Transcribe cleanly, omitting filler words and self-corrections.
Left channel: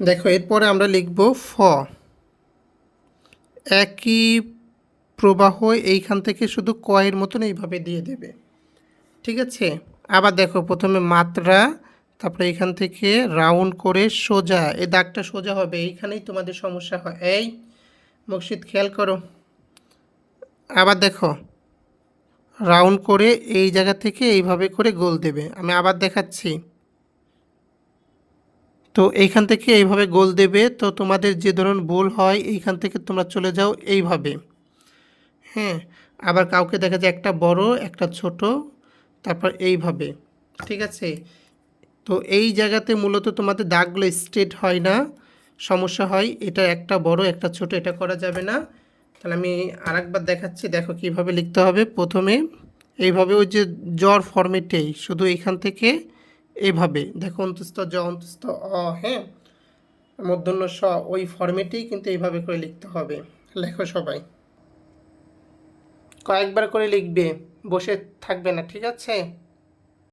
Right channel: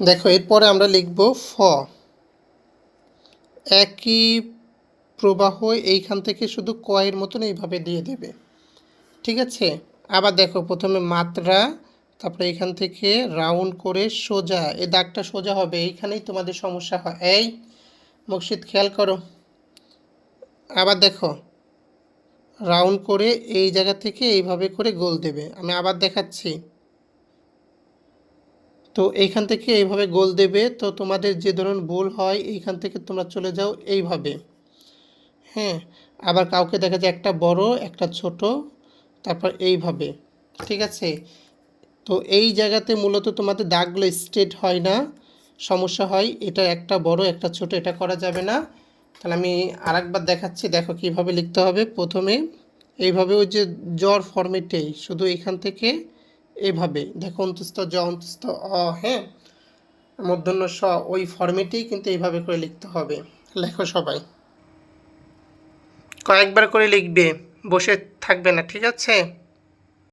দেখো এরপরে আমরা লিখব ফ। একই প্রবাহ এইখান থেকে শুধু কয়ের মতন এইভাবে দিয়ে দেবে, ঠিক আছে। আবার দেখো প্রথমে মাত্রা, তারপরে এখান থেকে রাউন্ড করে সোজা, এই দাগটা সোজা হবে, এইখানেই তোমাদের সমস্যা হয়। এই মকসিদ খেয়াল করো। আবার দেখো রাউন্ড করে এই জায়গা থেকে এইভাবে করে গোল দেবে। আমি আবার দেখাচ্ছি। তো এইখান থেকে এইভাবে গোল দেবে। তো তোমাদের যে ধরুন ভুল হয় এইখান থেকে তোমরা চলে যাও এইভাবে, হ্যাঁ। আবার কাউকে দেখা যায় একটা বড় একটা ছোট, তারপর এইভাবে, ঠিক আছে। তো এই জায়গাতে মূলত তোমাদের দাগগুলো স্ট্রেট হয় না, সমস্যা হয়। এটা একটা বড় একটা ছোট, এটা করা যাবে না। তাহলে আমি আরেকবার দেখাচ্ছি, দেখো কিভাবে লিখতে হবে। প্রথমে এইভাবে ওই যে জ্বর ফর্মেটেই শুধু এখান থেকে এইভাবে দেখো, অন্তস্থ জ অন্তস্থ অ, হ্যাঁ, মূর্ধন্য স, ওই ফর্মেটেই কিন্তু এইভাবে করে লিখতে হবে। লেখো সবাই, কয়েকবার করে লিখবে, বসে থাকবে না, ঠিক আছে।